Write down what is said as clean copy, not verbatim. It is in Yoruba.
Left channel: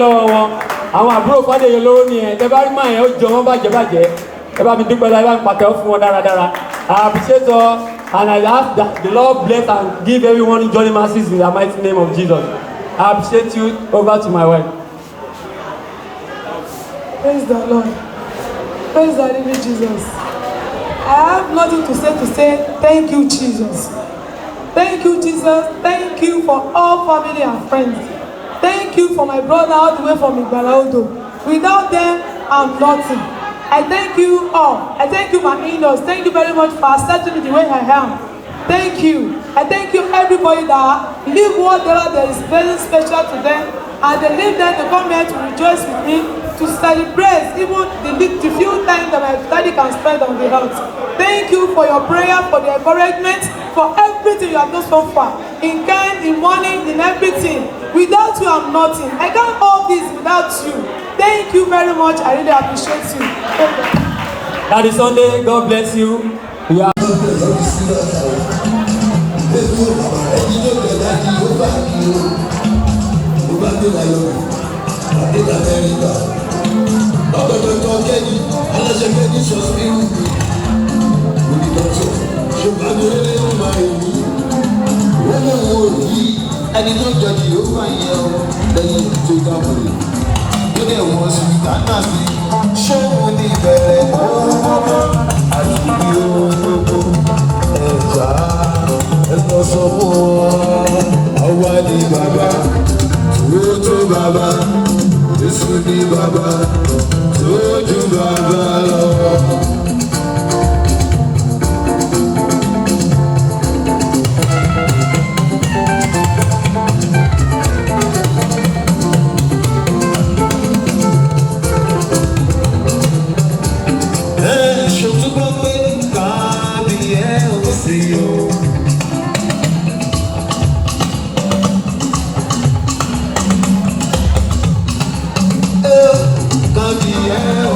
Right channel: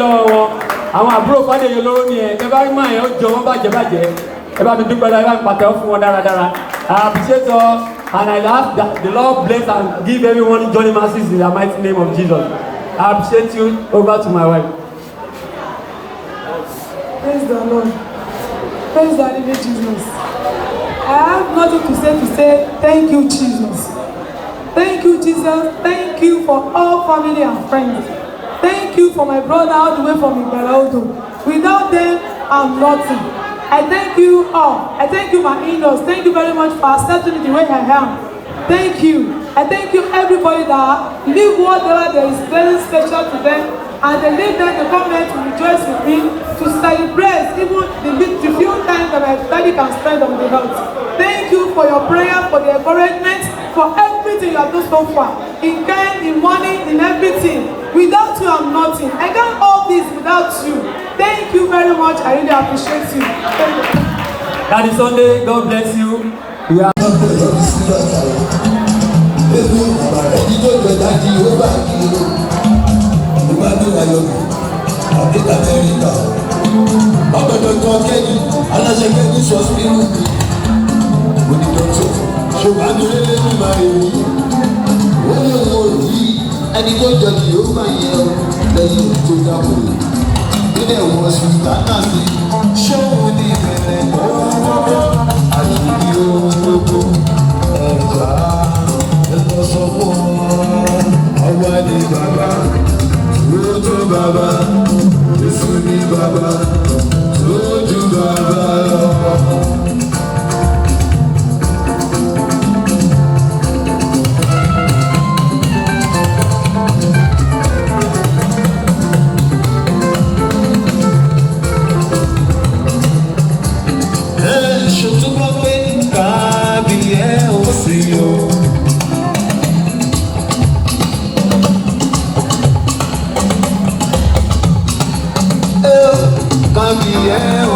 lọ́wọ́ wọn àwọn àbúrò Fadeyi Oloro ni ẹ̀ tẹ́ bá rí mọ̀ ẹ̀ ó jọ wọ́n bàjẹ́ ẹ bá mi dúpẹ́ láì bá mi pàtẹ́wọ́ fún wọn dáradára. I appreciate all and I ask that the Lord bless and give everyone journey mercies in the mighty name of Jesus. I appreciate you. Over to my wife. Praise the Lord. Praise the living Jesus. I have nothing to say thank you, Jesus. Thank you, Jesus. Thank you for all family and friends. Thank you for my brother all the way from Igboahotv. Without them, I'm nothing. I thank you all. I thank you, my in-laws. Thank you very much for accepting me the way I am. Thank you. I thank you, everybody that live whatever that is very special to them, and they leave them to come here to rejoice with me, to celebrate even the few times that my daddy can spend on the earth. Thank you for your prayer, for the encouragement, for everything you have done so far. In kind, in money, in everything. Without you, I'm nothing. I can't all this without you. Thank you very much. I really appreciate you. Happy Sunday. God bless you. We are ẹni tó jọ ní yóò fà yẹn o lẹ́yìn tó dábò rẹ̀ ó dẹ̀ wọ́n sùn tánà sí ṣóun ní ìbẹ̀rẹ̀ ohun gbogbo àti ohun gbogbo ẹ̀já ẹ lọ sọ fún wọn àwa ní bàbá tó tó bàbá Jésù ní bàbá tó ju bàbá lọ. Yeah.